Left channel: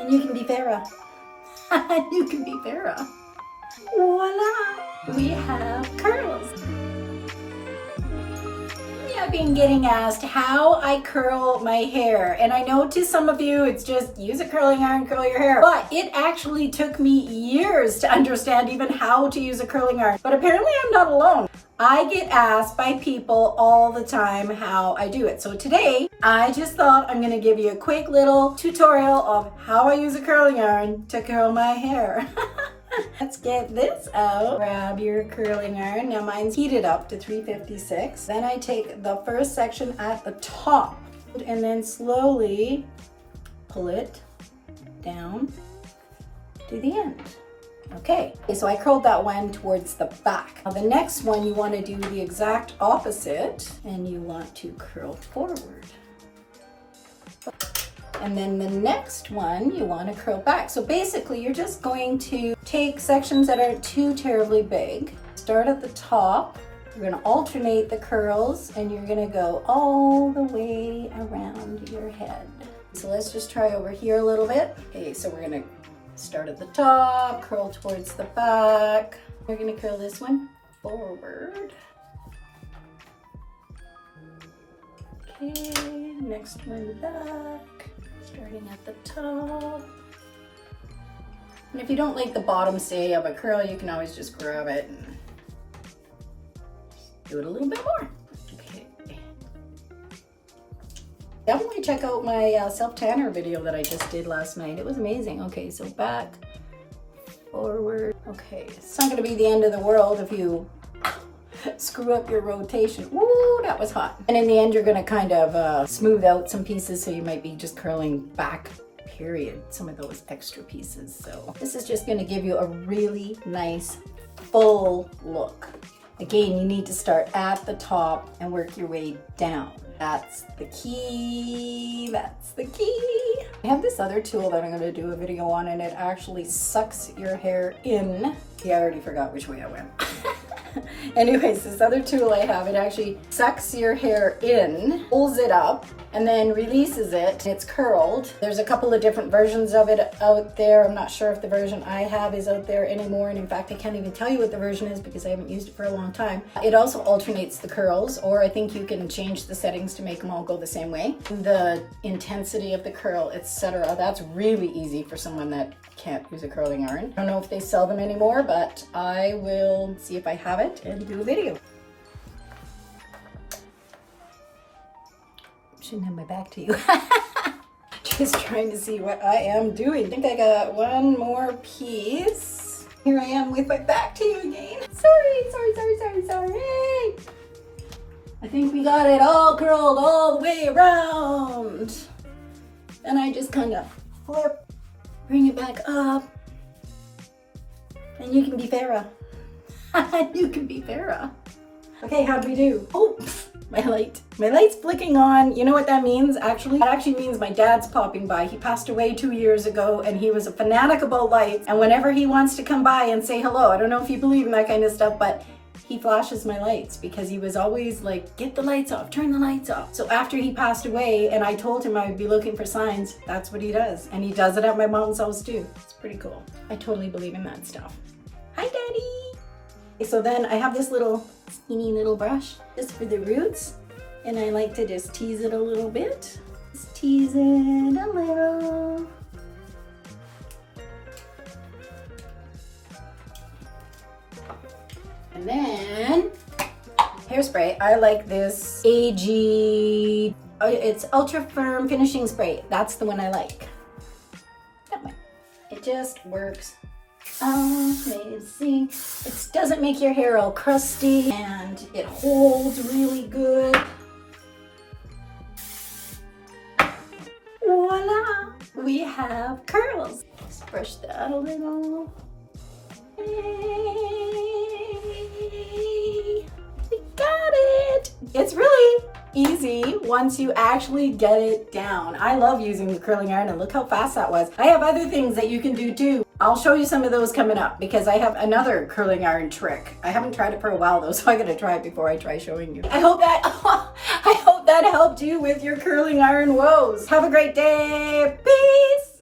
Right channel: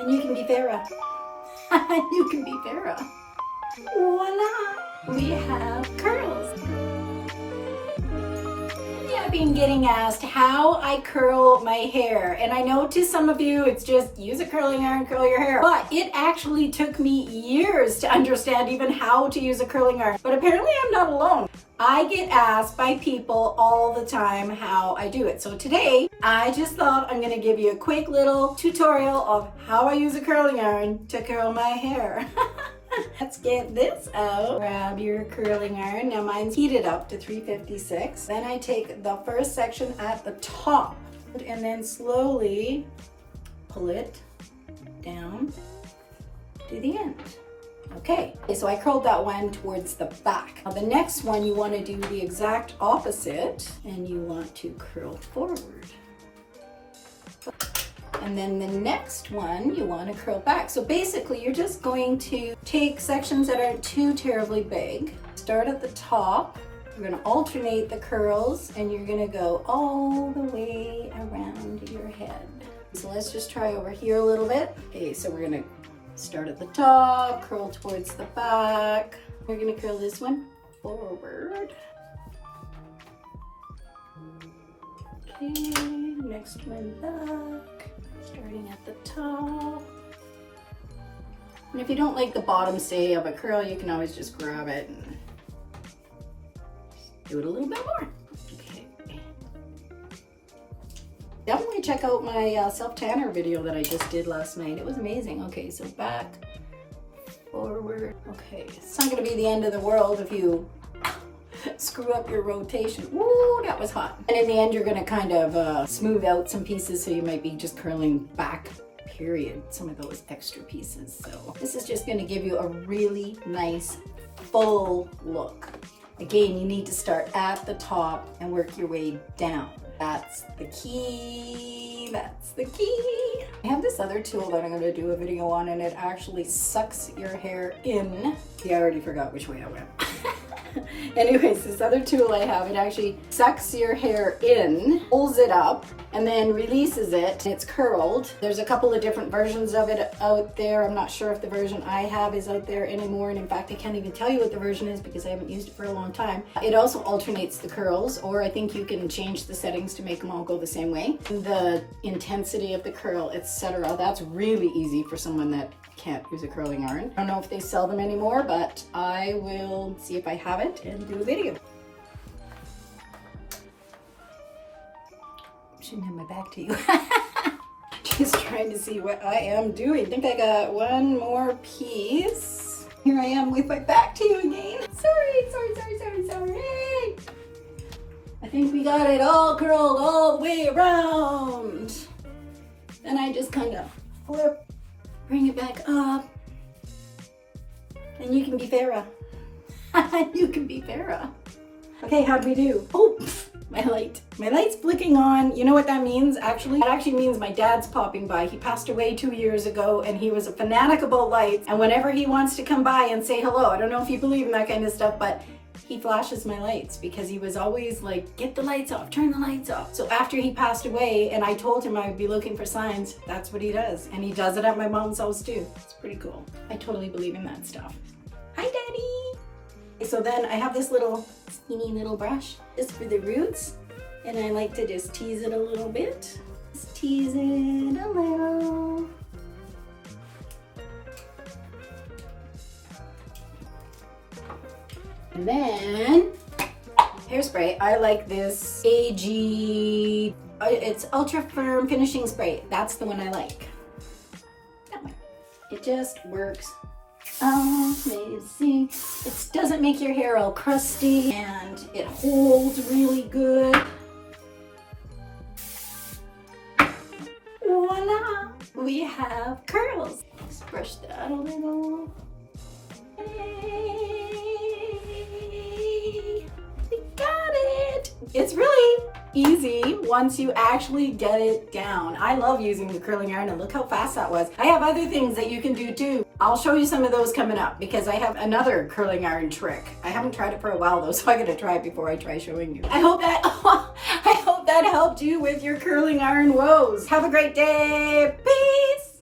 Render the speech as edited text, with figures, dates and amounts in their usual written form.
And you can be Farah. You can be Farah. Voila! We have curls. I've been getting asked how I curl my hair, and I know to some of you it's just use a curling iron, curl your hair, but it actually took me years to understand even how to use a curling iron. But apparently I'm not alone. I get asked by people all the time how I do it. So today I just thought I'm gonna give you a quick little tutorial of how I use a curling iron to curl my hair. Let's get this out. Grab your curling iron. Now mine's heated up to 356. Then I take the first section at the top and then slowly pull it down to the end. Okay, so I curled that one towards the back. Now the next one you want to do the exact opposite and you want to curl forward. And then the next one you want to curl back. So basically you're just going to take sections that aren't too terribly big, start at the top, you're going to alternate the curls and you're going to go all the way around your head. So let's just try over here a little bit. Okay, so we're going to start at the top, curl towards the back. We're going to curl this one forward. Okay, next one back. Starting at the top. And if you don't like the bottom, say, of a curl, you can always just grab it and do it a little bit more. Okay. Definitely check out my self-tanner video that I just did last night. It was amazing. Okay, so back, forward. Okay, it's not gonna be the end of the world if you screw up your rotation. Ooh, that was hot. And in the end, you're gonna kind of smooth out some pieces, so you might be just curling back, period, some of those extra pieces. So this is just gonna give you a really nice, full look. Again, you need to start at the top and work your way down. That's the key, that's the key. I have this other tool that I'm gonna do a video on, and it actually sucks your hair in. Yeah, I already forgot which way I went. Anyways, this other tool I have, it actually sucks your hair in, pulls it up, and then releases it. It's curled. There's a couple of different versions of it out there. I'm not sure if the version I have is out there anymore, and in fact, I can't even tell you what the version is because I haven't used it for a long time. It also alternates the curls, or I think you can change the settings to make them all go the same way. The intensity of the curl, etc. That's really easy for someone that can't use a curling iron. I don't know if they sell them anymore, but I will see if I have it and do a video. Shouldn't have my back to you. Just trying to see what I am doing. I think I got one more piece. Here I am with my back to you again. Sorry. I think we got it all curled all the way around. Then I just kind of flip, bring it back up, and you can be Farah. You can be Farah. Okay, how'd we do? Oh, my light's flicking on. You know what that means, actually? That actually means my dad's popping by. He passed away 2 years ago, and he was a fanatic about lights, and whenever he wants to come by and say hello, I don't know if you believe in that kind of stuff, but he flashes my lights because he was always like, get the lights off, turn the lights off. So after he passed away and I told him I would be looking for signs, that's what he does. And he does it at my mom's house too. It's pretty cool. I totally believe in that stuff. Hi, Daddy. So then I have this little skinny little brush just for the roots. And I like to just tease it a little bit. Just tease it a little. And then hairspray. I like this AG, it's Ultra Firm Finishing Spray. That's the one I like. That one. It just works amazing. It doesn't make your hair all crusty and it holds really good. Voila! We have curls. Just brush that a little. It's really easy once you actually get it down. I love using the curling iron, and look how fast that was. I have other things that you can do too. I'll show you some of those coming up because I have another curling iron trick. I haven't tried it for a while though, so I gotta try it before I try showing you. I hope that helped you with your curling iron woes. Have a great day. Peace.